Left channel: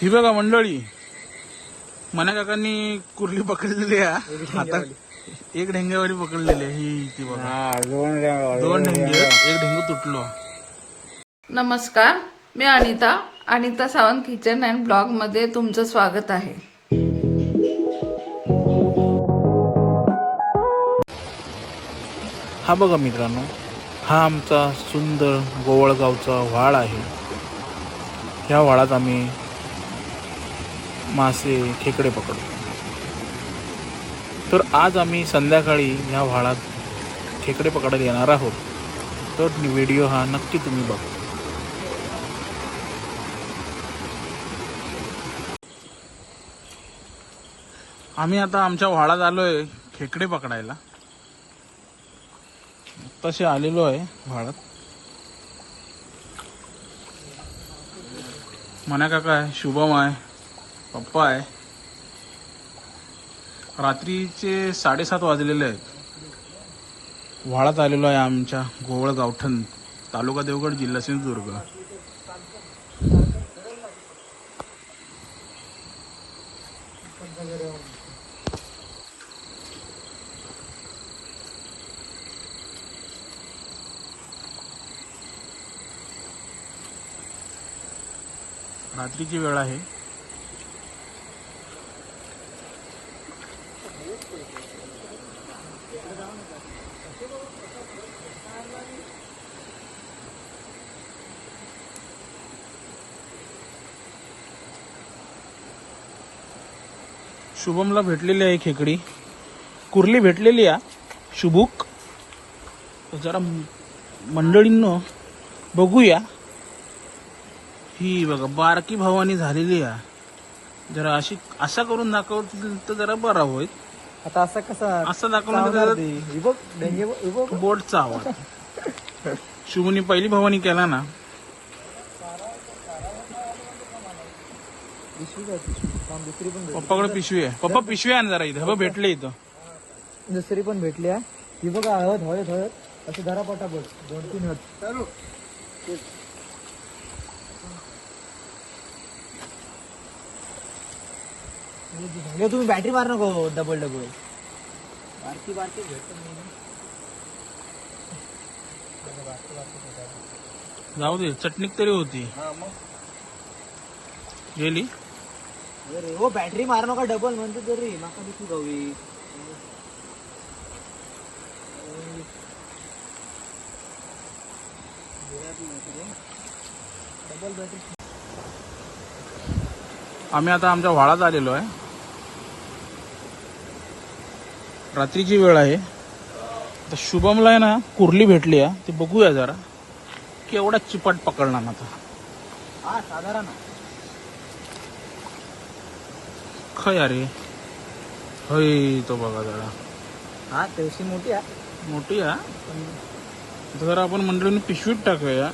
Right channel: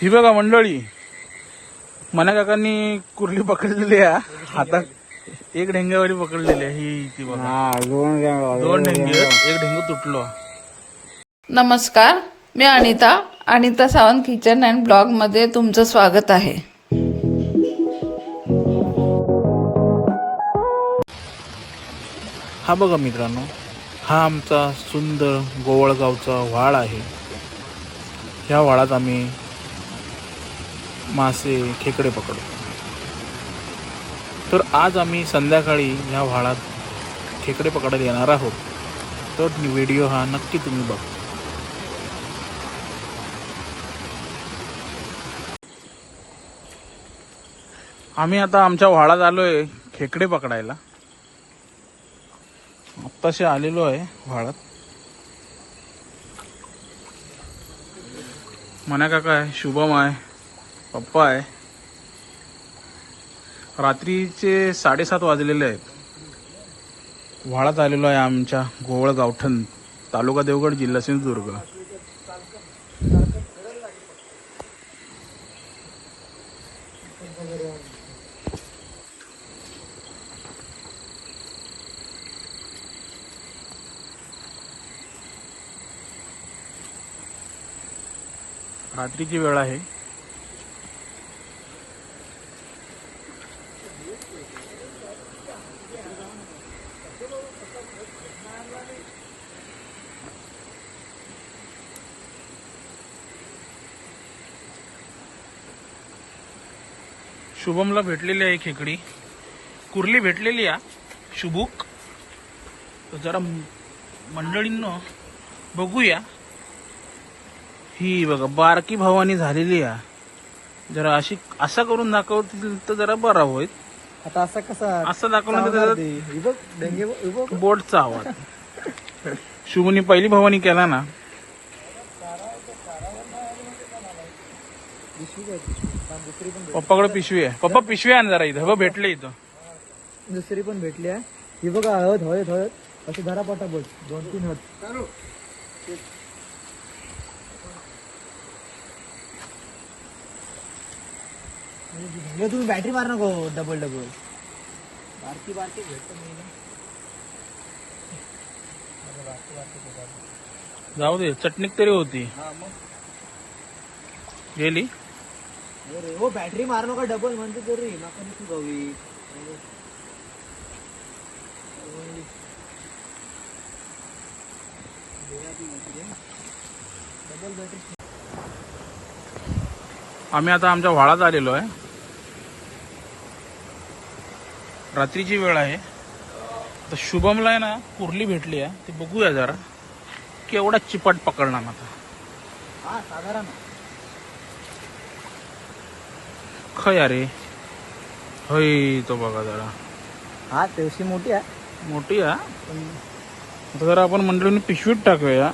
ही बघा मंडळी. मना काकांनी कुर्ली पकडलेली आहे. हातात एक ढेंग्यावाली पकडलेली आहे ही ती बघा. दोन ढेंगे एक ढेंगू तुटलो. नमस्कार मी अनिता अनिता सावंत किचन अँड ब्लॉगमध्ये तुमचं स्वागत आहे. हा बघा मित्रांनो हा आमचा सुंदर गोवळगावचा व्हाळ आहे. ह्या व्हाळात आम्ही मासे खेकडे पकडतो तर आज आम्ही संध्याकाळी ह्या व्हाळात खेकडे पकडायला येणार आहोत. तर व्हिडिओ हा नक्की तुम्ही बघा. आम्ही आता आमच्या व्हाळात आलोय खेकडे पकडायला. आत्ताशी आलेलो आहे व्हाळात. मना काका आहे शुभम आहे. पप्पा आहे. रात्रीचे साडेसात वाजलेले आहेत. व्हाळात आलेलो आहे आमच्या गोवळ गावठण तालुका देवगड जिल्हा सिंधुदुर्ग. रात्रीची वेळ आहे. शुभमला भेटलेली आहे खेकडी. कुर्ली भेटलेली आहे. शुभुक. जरा मंडळींनो बघूया. ही बघा बारकी भावानी झालेली आहे. जरा अशी असा करून दाखवतील तर जरा बरा होईल. आता असा कसा असं दाखवलं चावणार तर ते. हे बघ डेंगे बघ, हे बघ. बोटचा आवाज. शुभनी पहिली भवानी केला ना. पिशवी काय पिशवी? हा, दुसरी पण पप्पाकडे पिशवी आहे. पप्पा पिशवी आहे ना जरा इथं. बघ भेटले इथं. भेट- दुसरी पण भेटली आहे. ही बघा हळद हळद हळद. अशी धरा पटापट. दोन तीन हळद. हे तुम्ही बॅटरी मार नको डबल डबल बारकी बारकी भेटत बारकी बारकी भेटत. जाऊ दे चटणीक तरी होती. हा मग. गेली? अरे हो बॅटरी मार नका डबल म्हणते तरी. नको दिसू गावी डबल बॅटरी आम्ही आता आमच्या व्हाळात आलेलो आहे. रात्रीची वेळ आहे. आता शुभमला आहे ना कुर्ली भेटली आहे. ते बघूया जरा. केवढा चिपट पकडणार ना तो. हा साधारण. खय अरे. हय तो बघा जरा. हा तेवशी मोठी आहे. मोठी आहे आता जरा आपण मंडळीने पिशवीत टाकूया.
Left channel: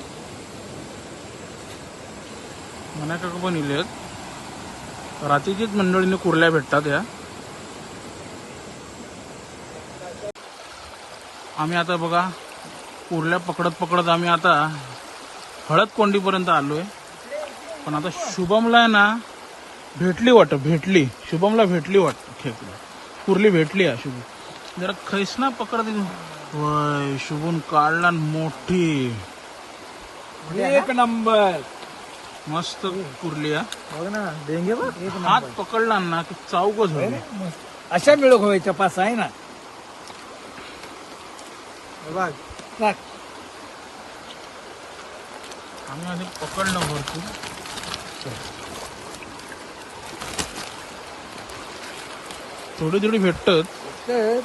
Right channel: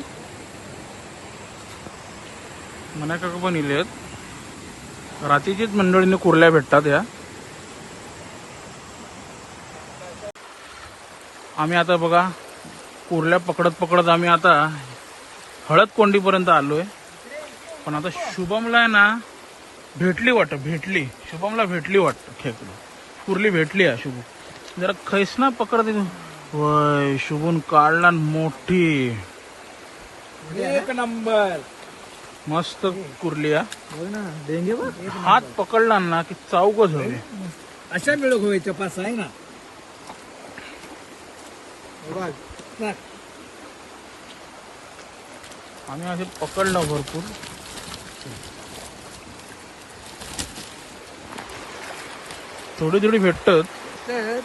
मना काका पण इलेत. रात्रीचीच मंडळीने कुर्ल्या भेटतात या. आम्ही आता बघा कुर्ल्या पकडत पकडत आम्ही आता हळद कोंडीपर्यंत आलोय. पण आता शुभमला आहे ना भेटली वाटत भेटली. शुभमला भेटली वाटत खेकडी. कुर्ली भेटली आहे शुभ. जरा खैसना पकडत वय शुभून काढला मोठी. एक नंबर. मस्त कुर्ली आहे बघ ना डेंगे बघ. हात पकडला ना की चावकच होते अशा मिळक होय तपास आहे ना? बघ टाक. आम्ही असे पकडलं भरपूर. थोडी थोडी भेटत तर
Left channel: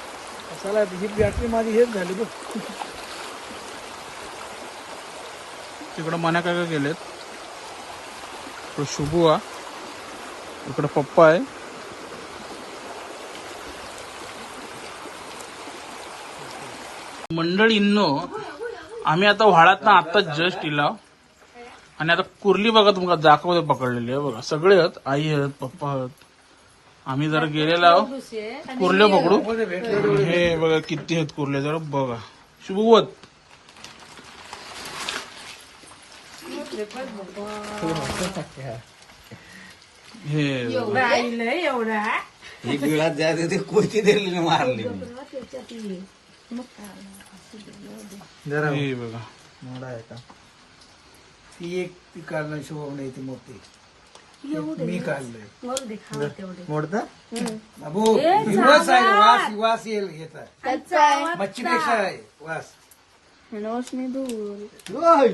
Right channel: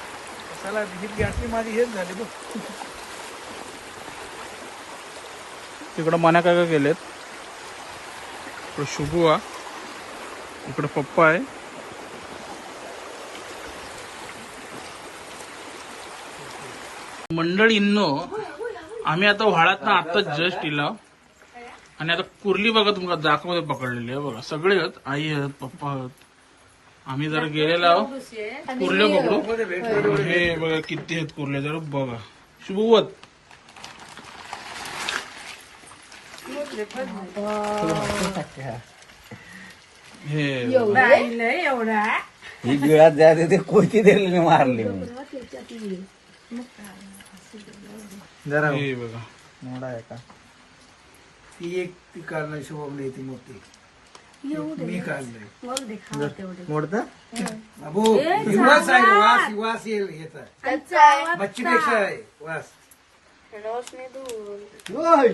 कशाला ही गॅसली माझी हेच झाली बघ. तिकडं मना काका गेलेत. तो शुभू हा इकडं पप्पा आहे. मंडळींनो आम्ही आता व्हाळात ना आता जस्ट इला. आणि आता कुर्ली बघा तुम्हाला दाखवत पकडलेली आहे बघा. सगळे आहेत आई आहेत पप्पा आहेत. आम्ही जरा गेलेलो आहोत. कुर्ले पकडू. हे बघा किती आहेत कुर्ले जरा बघा. शुभवत हे ही गिळात जायचं ते कोणती दिली मारली जरा हे बघा मोडा आहे का ती एक ती काढणार शोभा नाही ती मोठी मी काढलंय मोडता बाबू वास आहे वास. वास येईल येतात मच्छीपेक्षा आहे वास ओय.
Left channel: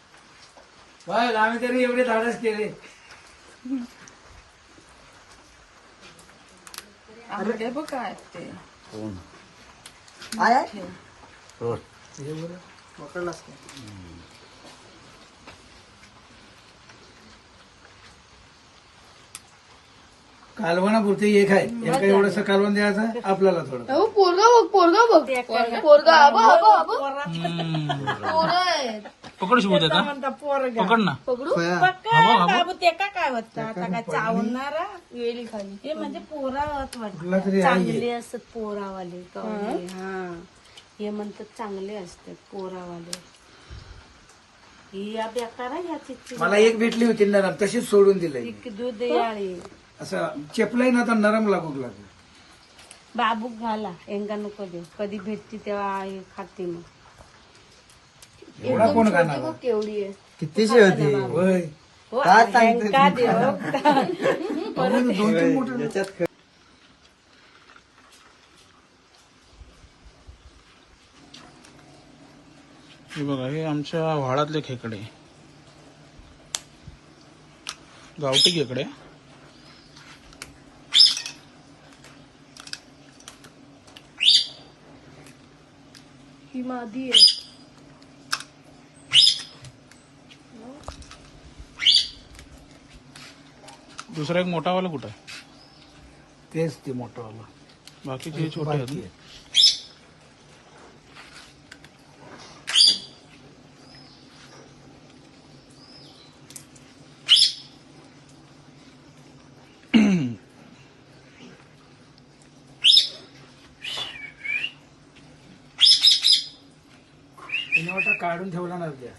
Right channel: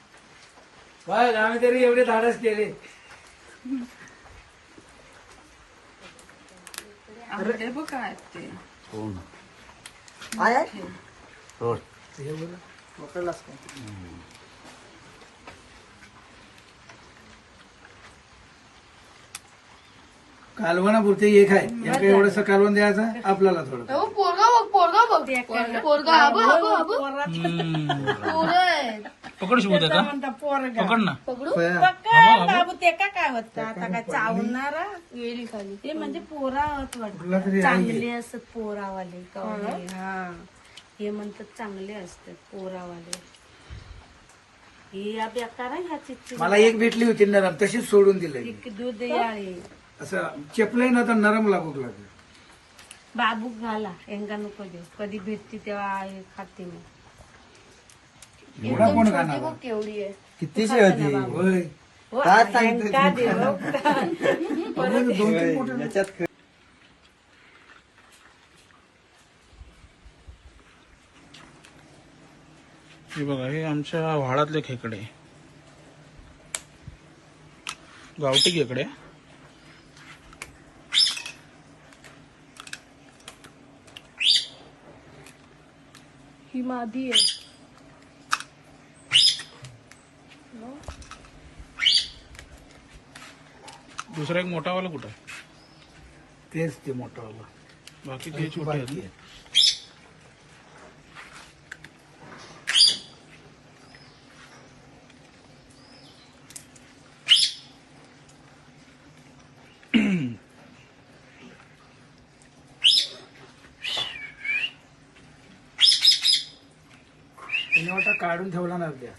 बस आम्ही तरी एवढे धाडस केले. आंबे बघ काय ते कोण आहे, आहे. सोड पकडलास का? कालवणा पुरते एक आहे. एका एवढंसं कालवण द्यायचं आपल्याला थोडं. पोरगा बघ पोरगा बघ. पोरगा अबो अबो अबो. पोरं पकड शिवू त्याचा? पकड ना. म्हणजे पोरावत कुठला तरी आहे चांगले असतात पोरावाले कवळे, हा. हे. म्हणतात चांगले असतात पोरावाले. ही या बेकार आहे ह्याची मला एक भेटली होती नरम तशीच सोडून दिली दूध याळी असं चेपलंय ना तर नरम लागू लागलं. बाबूक घाला एंगा नको दे कधी भेटती तेव्हा आई खाते मग. एवढा कोण खाणार केवढी आहे. कितीची होती होय. काय सांगते का देव दोन तीन मोठं याच्यात हे बघा हे आमच्या व्हाळातले खेकडे. गावठी खेकडे. ही मादी आहे. दुसरा एक मोठावाला कुठं आहे? तेच ते मोठं वाला बाकीचे छोटे आहेत ना? तिने वाटा काढून ठेवला ना त्या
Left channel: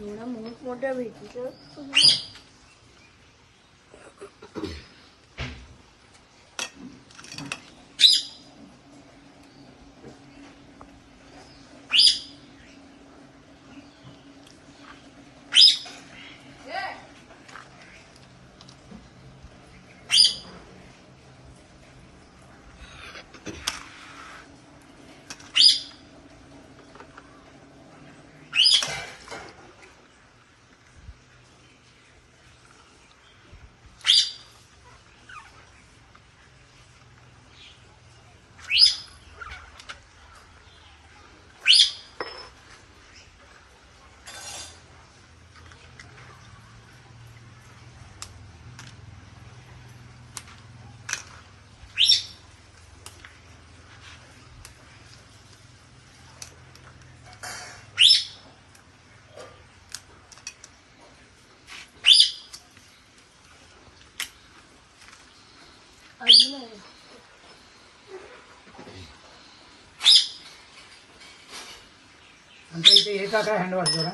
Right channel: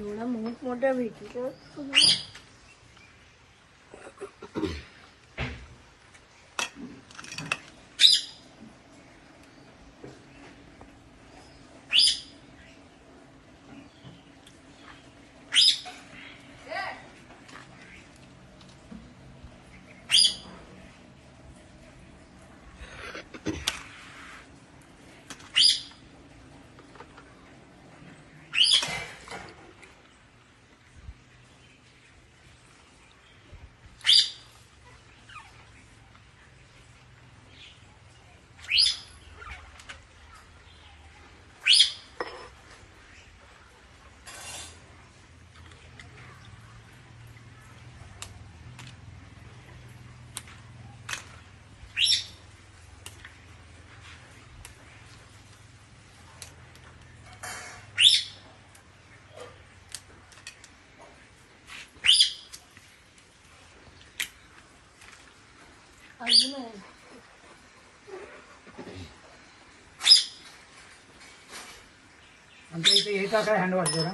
പിന്നെ മുന്നോട്ട് വീട്ടിൽ आमच्या इथे येता काय हँडवॉश जरा?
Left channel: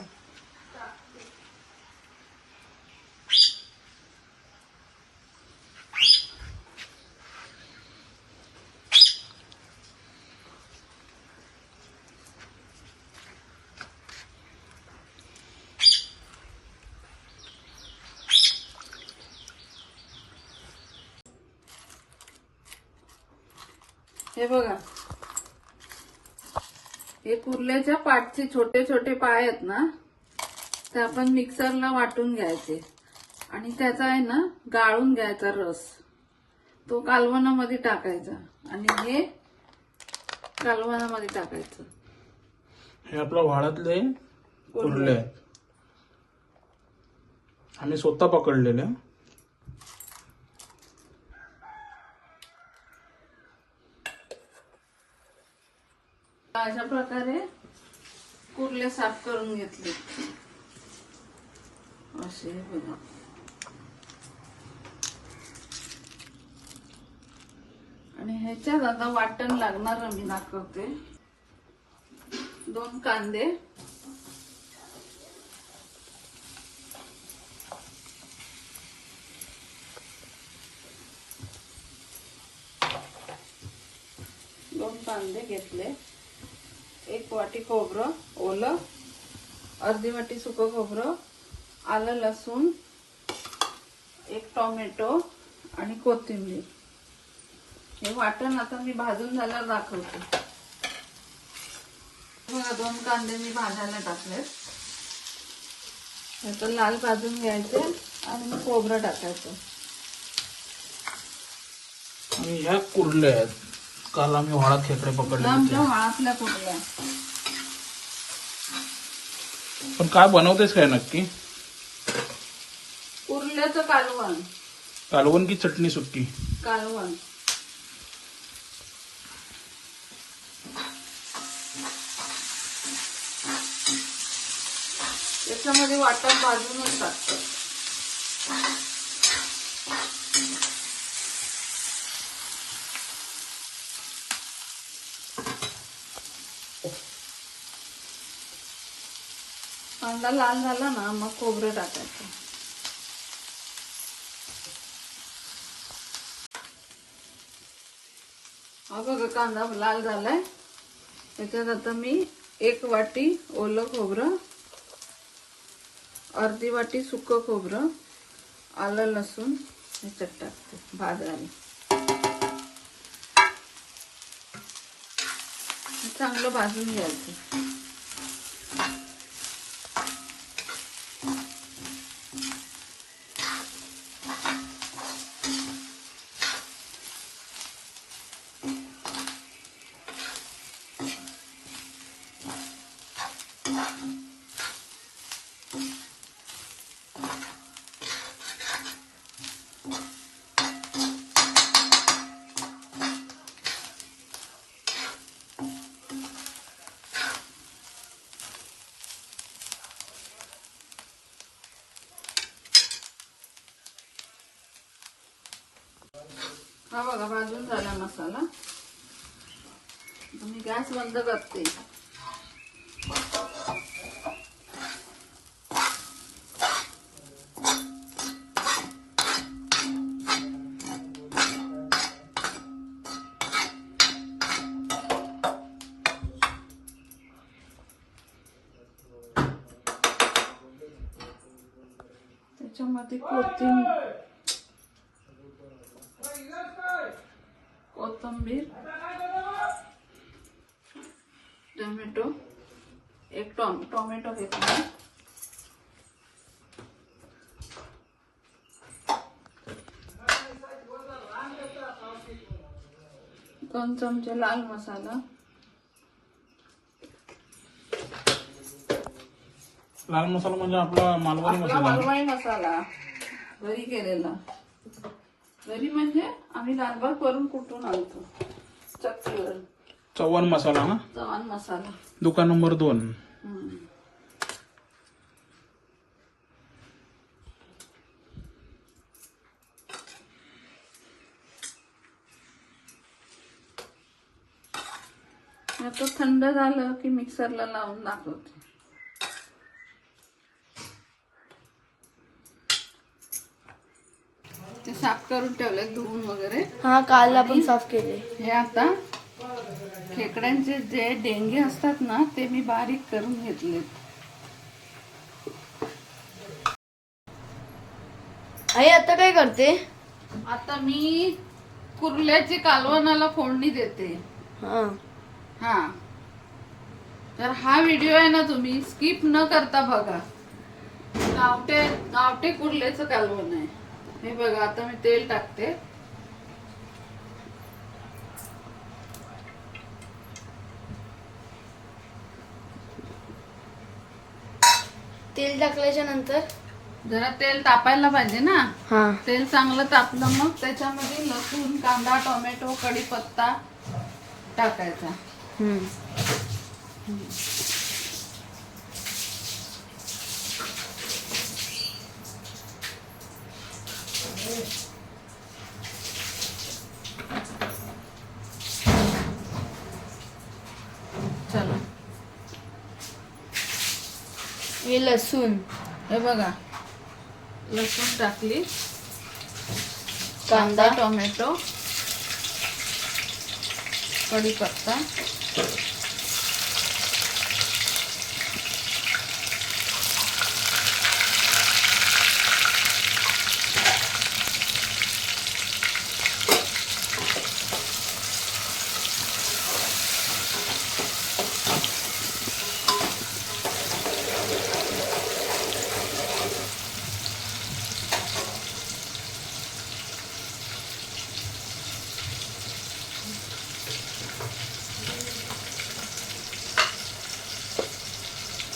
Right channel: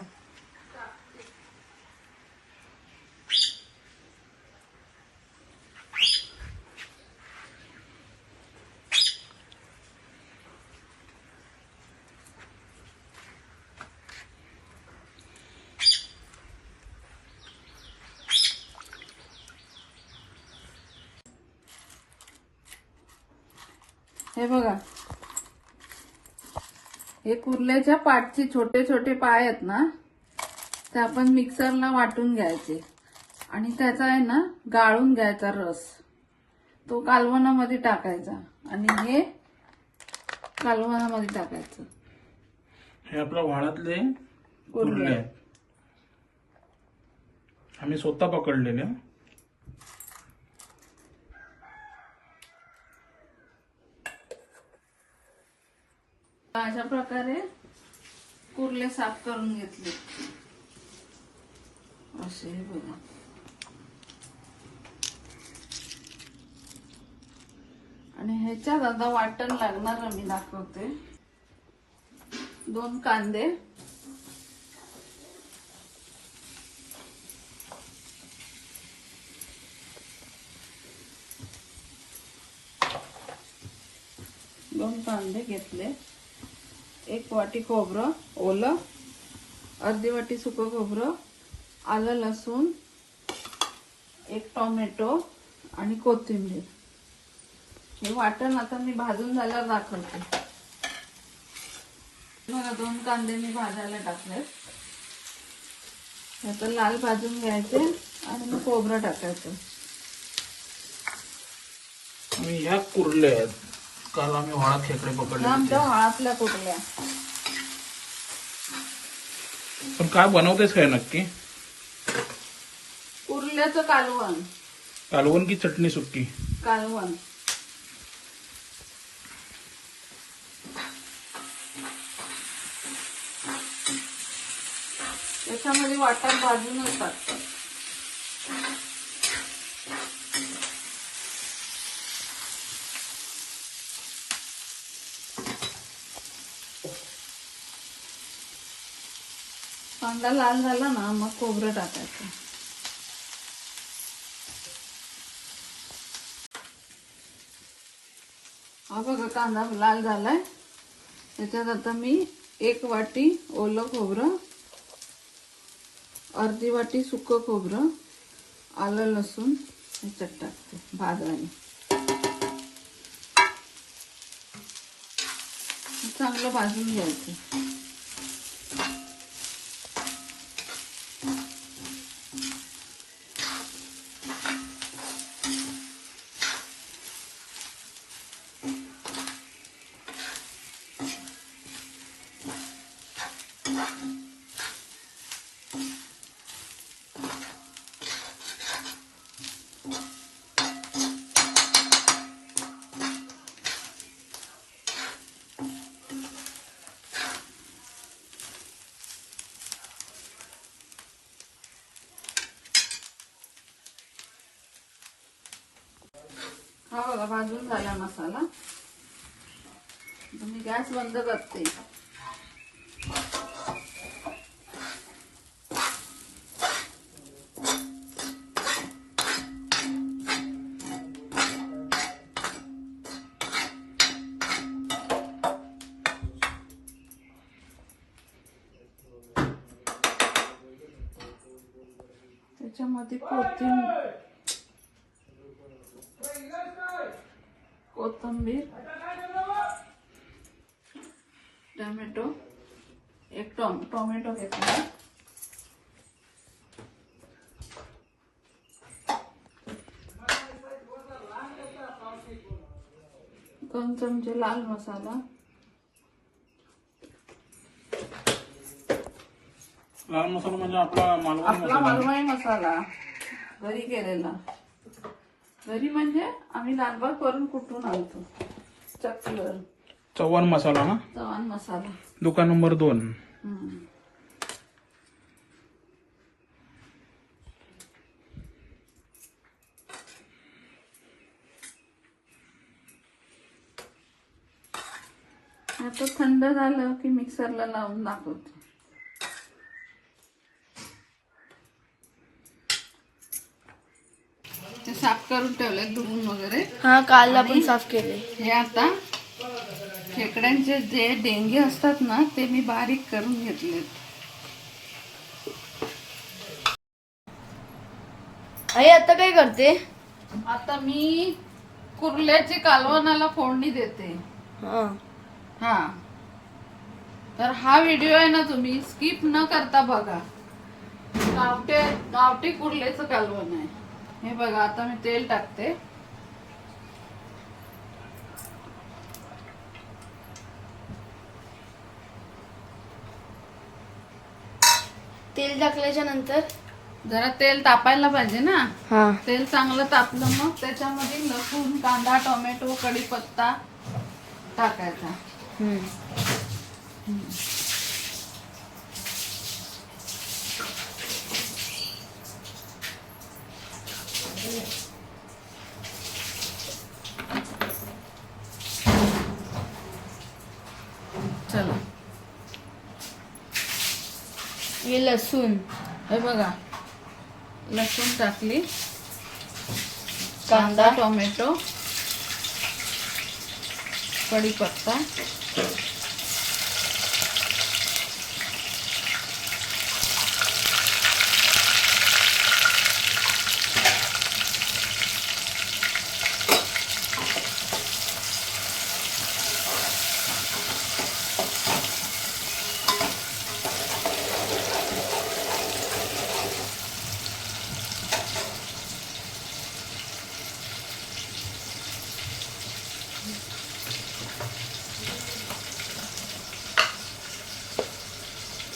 हे बघा. हे कुर्ल्याच्या पाठचे छोटे छोटे पाय आहेत ना ते आपण मिक्सरला वाटून घ्यायचे. आणि त्याचा आहे ना गाळून घ्यायचा रस. तो कालवणामध्ये टाकायचा. आणि हे कालवणामध्ये टाकायचं. हे आपल्या व्हाळातले कुर्ले आम्ही स्वतः पकडलेले. अशा प्रकारे कुर्ले साफ करून घेतले. असे बघा. आणि ह्याच्यात आता वाटण लागणार मी दाखवते. दोन कांदे. दोन कांदे घेतले. एक वाटी खोबरं ओलं अर्धी वाटी सुकं खोबरं आलं लसूण एक टोमॅटो आणि कोथिंबीर. हे वाटण आता मी भाजून झाल्यावर दाखवते. बघा दोन कांदे मी भाजायला टाकलेत. याचं लाल भाजून घ्यायचे आणि मग खोबरं टाकायचं. ह्या आहेत. काल आम्ही वाळात खेकडे पकडले होते. कुठल्या? पण काय बनवतेस काय नक्की? उरल्याचं कालवण. कालवण की चटणी सुक्की? कालवण. याच्यामध्ये वाटण भाजूनच टाकतात. कांदा लाल झाला ना मग खोबरं टाकायचं. हा बघा कांदा लाल झालाय. त्याच्यात आता मी एक वाटी ओलं खोबरं अर्धी वाटी सुकं खोबरं आलं लसूण ह्याच्यात टाकते भाजायला चांगलं भाजून घ्यायचं हा बघा भाजून झाला मसाला आता मी गॅस बंद करते. त्याच्यामध्ये कोथिंबीर कोथिंबीर. टोमॅटो एक टोम टोमॅटो घेतला दोन चमचे लाल मसाला. लाल मसाला म्हणजे आपला मालवणी आपला मसाला. मालवणी मसाला. घरी केलेला. घरी म्हणजे आम्ही लालबाग करून कुठून आणतो? चक्कीवर चव्हाण मसाला ना? चव्हाण मसाला. दुकान नंबर दोन. आता थंड झालं की मिक्सरला लावून दाखवते. ते साफ करून ठेवले धुवून वगैरे. हा काल आपण साफ केले हे आता खेकड्यांचे जे डेंगे असतात ना ते मी बारीक करून घेतले आई आता काय करते? आता मी कुर्ल्याची कालवणाला फोडणी देते. हा. हा. तर हा व्हिडिओ आहे ना तुम्ही स्किप न करता बघा. गावटे गावटे कुर्ल्याचं कालवण आहे. हे बघा आता मी तेल टाकते. तेल टाकल्याच्या नंतर? जरा तेल तापायला पाहिजे ना. हा. तेल चांगलं तापलं मग त्याच्यामध्ये लसूण कांदा टोमॅटो कढीपत्ता टाकायचा. हम्म हे लसूण. हे बघा. लसूण टाकली. कांदा. टोमॅटो. कढीपत्ता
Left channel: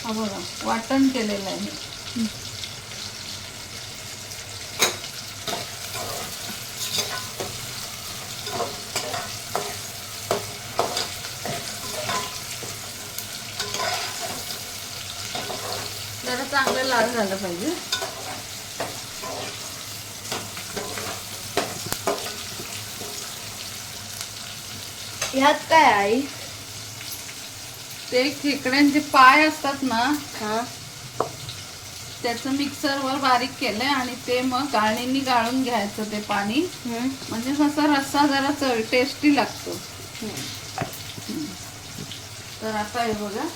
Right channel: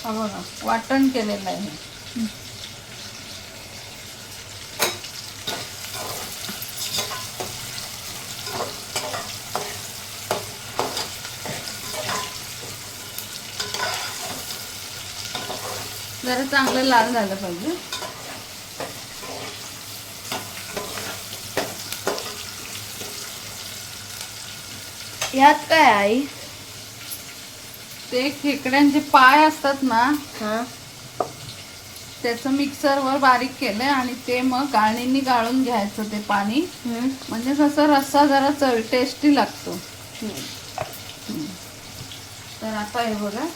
हा बघा वाटण केलेलं आहे. जरा चांगलं लाल झालं पाहिजे. ह्यात काय आई ते खेकड्यांचे पाय असतात ना हा. त्याचं मिक्सरवर बारीक केलंय आणि ते मग गाळणीने गाळून घ्यायचं ते पाणी. म्हणजे कसं रस्सा जरा चव टेस्टी लागतो. तर आता हे बघा.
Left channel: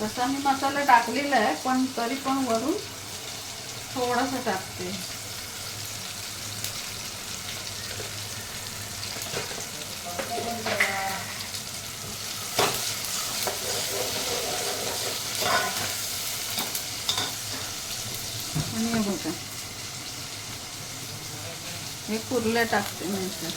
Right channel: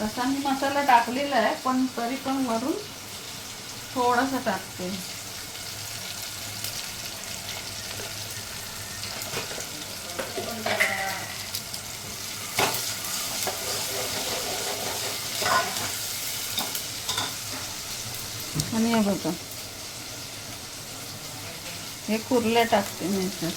तसा मी मसाला टाकलेला आहे पण तरी पण वरून थोडासा टाकते आणि हे बघा हे कुर्ल्या टाकते नाहीतर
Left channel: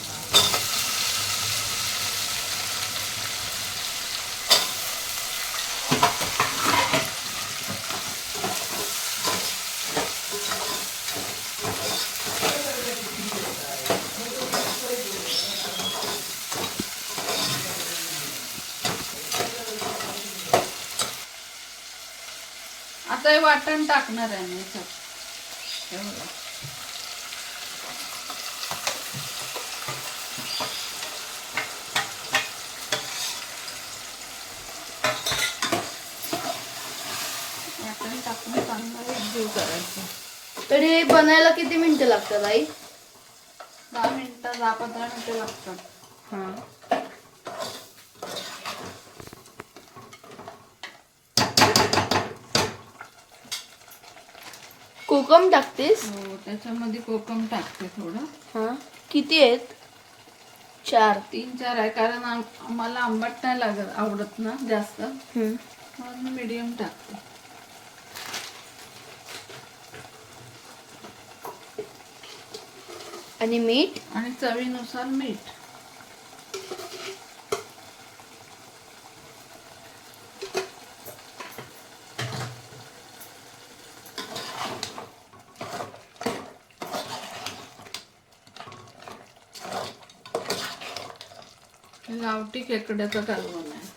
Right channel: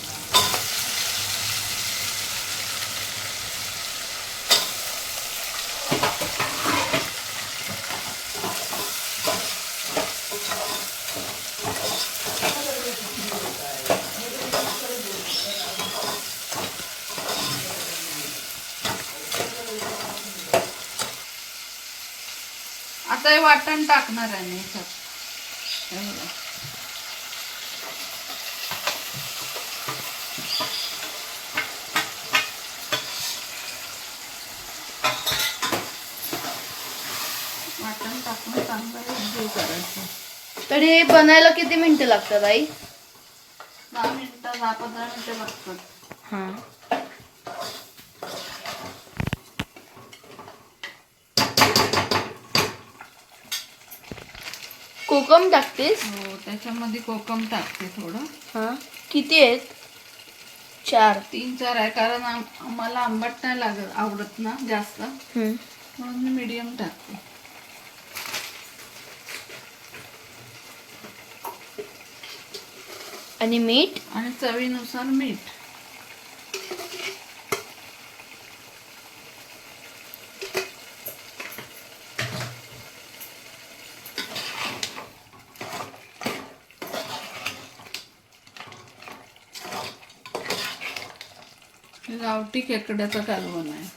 आता हे वाटण टाकणार आहे मी सर हे बघा. वाटण टाकून चांगलं एकजीव करायचं तर हे बनायला किती मिनिटं लागतात आई? दहा मिनिटं दहा पंधरा मिनिटं लागतात. हा. कोकम टाकतेस? हो त्याच्यामध्ये कोकम टाकते थोडं. हा. किती आहेत? चार. तीन चार आहे कारण मला आंबट नाही लागत आवडत ना जास्त. म्हणून मीडियम टाकते. आणि मीठ? आणि चवीनुसार मीठ. गावठी खेकड्याचं कालवण आहे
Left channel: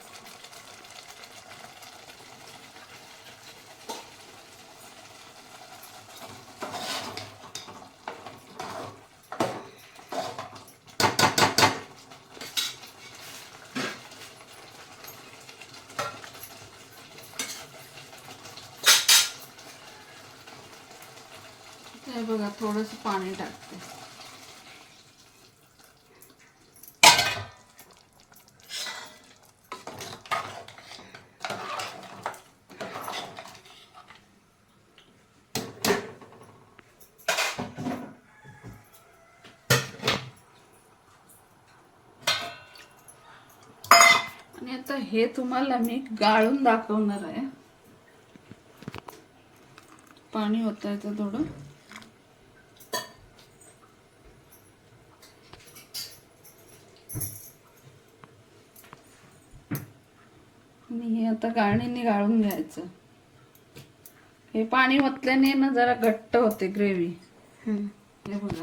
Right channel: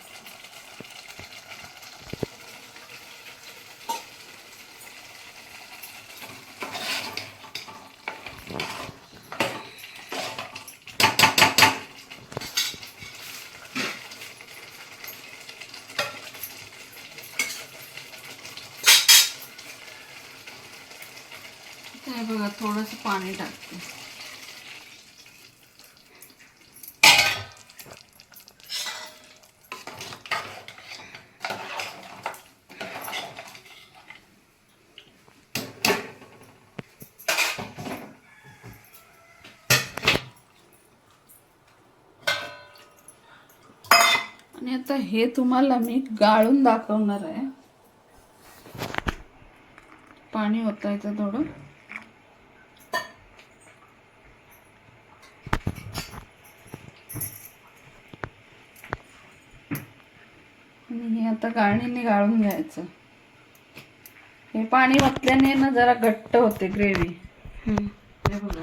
हे बघा थोडंसं पाणी टाकते. आणि आता हे तुम्हाला मी गाळून दाखवणार आहे. पाणी होतायचं थोडं आणि हे आता गाळणीने गाळून घ्यायचं. हे पाणी ओतल्याने ना जरा घट्ट होते ग्रेव्ही. हे बघा.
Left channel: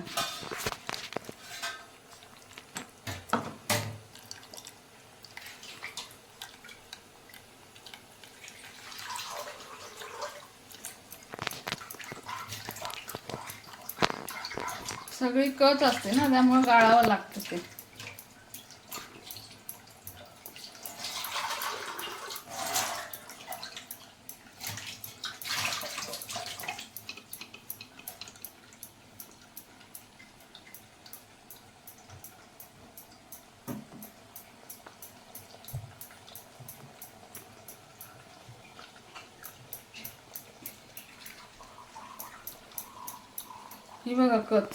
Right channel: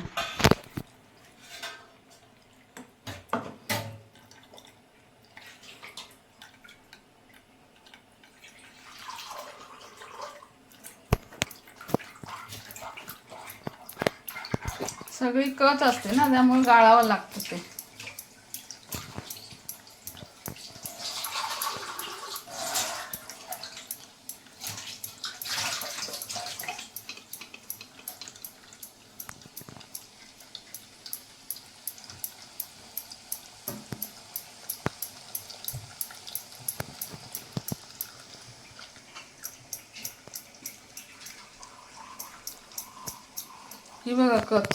सगळी कच असते ना त्यामुळे गाळावं लागतं ते. ही बघा कच.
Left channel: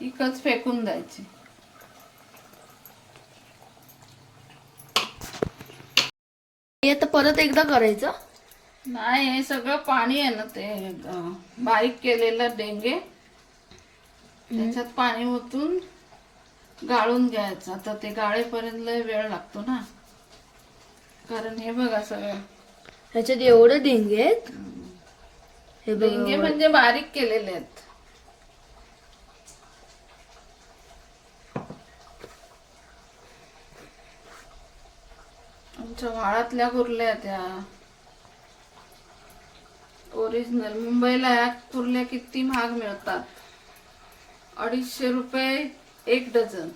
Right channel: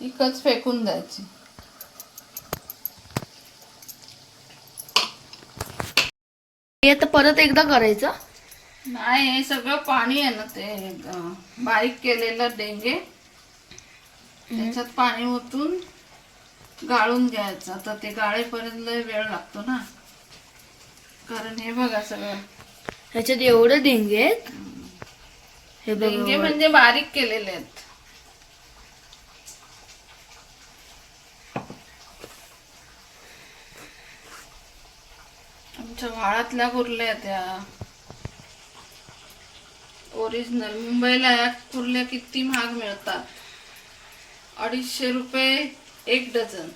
ही कच फेकून द्यायची. हे आता परत एकदा करायचं. नाही हे सगळं पाणी आहे ना ते बारीक केलेलं डेंगे. त्याच्यात पाणी ओतून गाळून घ्यायचं. आता ते गाळेपर्यंत लय वेळ लागतो ना. कारण हे बघा सगळं. ह्याच्यात एवढे डेंगे आहेत? हे डेंगे म्हणजे बारीक केलेले आहेत. आमच्या वाळातल्या कुर्ल्या त्या. ओरिजिनल मुंबईला या कुर्ल्या किती महाग मिळतात? अडीचशे रुपये एक डझन.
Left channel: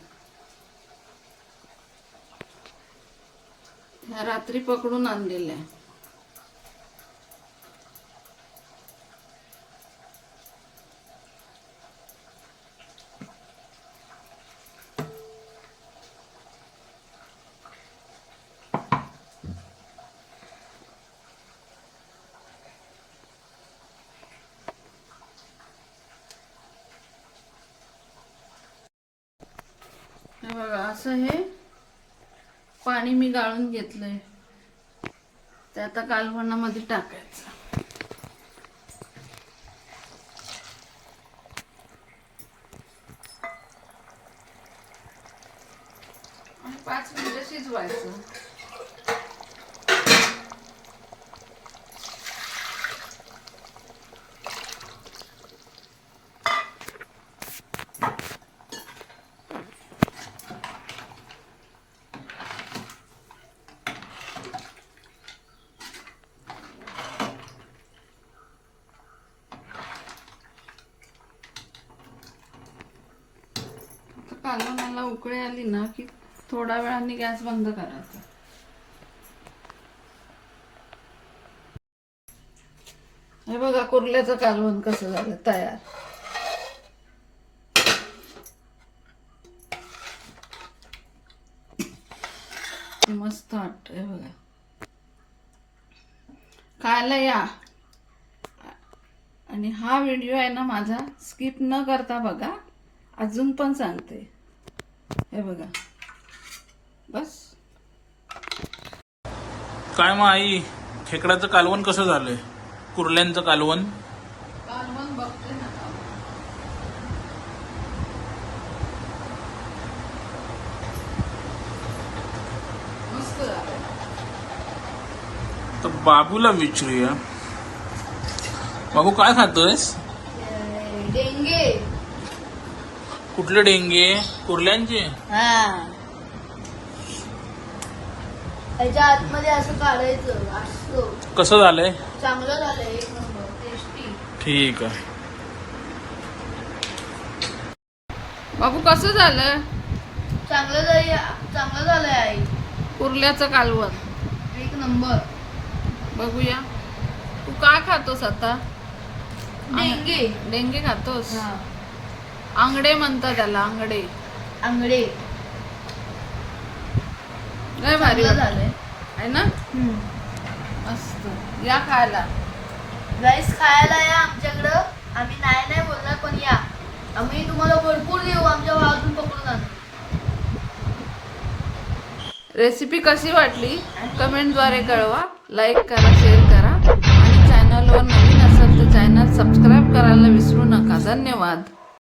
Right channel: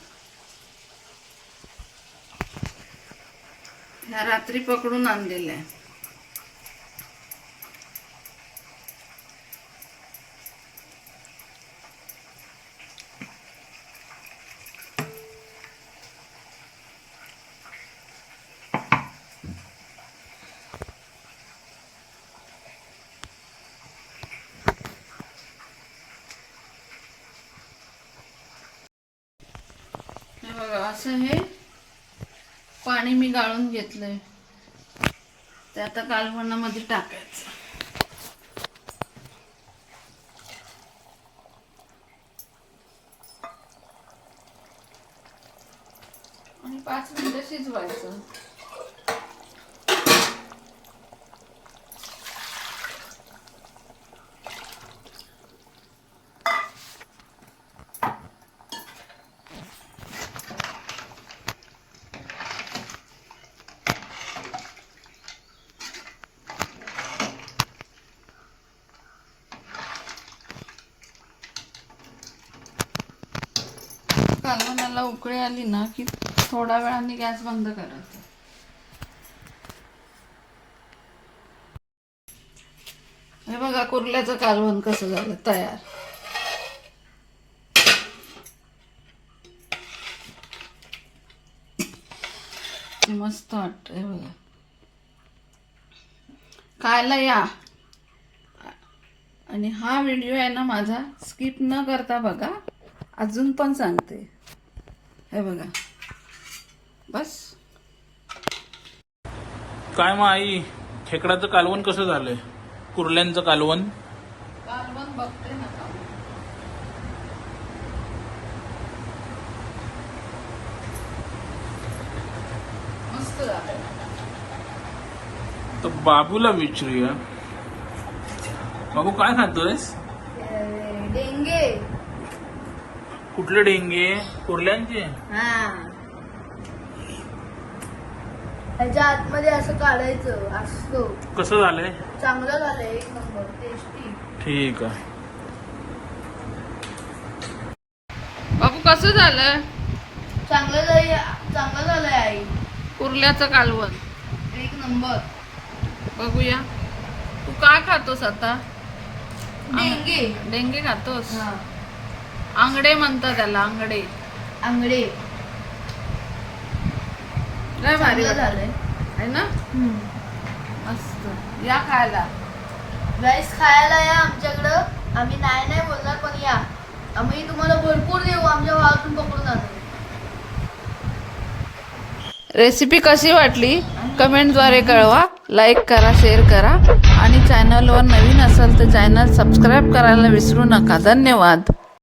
ह्या रात्री पकडून आणलेल्या. बघा असं हे पाणी मी गाळून घेतलंय. ते आता कालवणामध्ये टाकायचं आणि पाच मिनिटं शिजवायचं कालवणाला उकळी आली ना की थोड्या वेळाने गॅस बंद करायचा. हे बघा कुर्ल्याचं कालवण कसं झालं? तयार. मस्त वाटत हे बघा. खायला या. आणि हा व्हिडिओ आहे ना माझा स्किप न करता बघा. अजून पण सांगते. हे बघा. बस. काय मग आई खेकडाचं कालवण कसं झालंय? कुर्ल्यांचं कालवण? कालवण बघते ना तर बाबूला विचारूया. बाबू काय खातोयस? डेंगे. कुठले डेंगे? कुर्ल्यांचे? आतमध्ये असं काढायचं असतो. कसं झालंय? चांगलं झालं एक नंबर टेस्टी ठीक आहे. बाबू कसं झालं चांगलं झालं चांगलं झालंय आई. कुर्ल्याचं कालवण. एक नंबर. बघूया. तू काय खातोस आता? डेंगे. डेंगे खातोस? हा. आंगडे म्हणतात त्याला आंगडे आंगडे लय भारी चांगलं. झालंय. आहे ना? हम्म. मस्त. या खायला. राईस खायला या आमच्याकडं. आम्ही नाही नाही बोलणार पण या. आम्ही तुम्हाला भरपूर देऊ. आमच्या भावातून पकडून आणू. रेसिपी कशी वाटली? कमेंटद्वारे कळवा. लाईक करा शेअर करा. आणि चॅनलवर नवीन असेल तर चॅनल सबस्क्राईब करायला विसरू नका. धन्यवाद.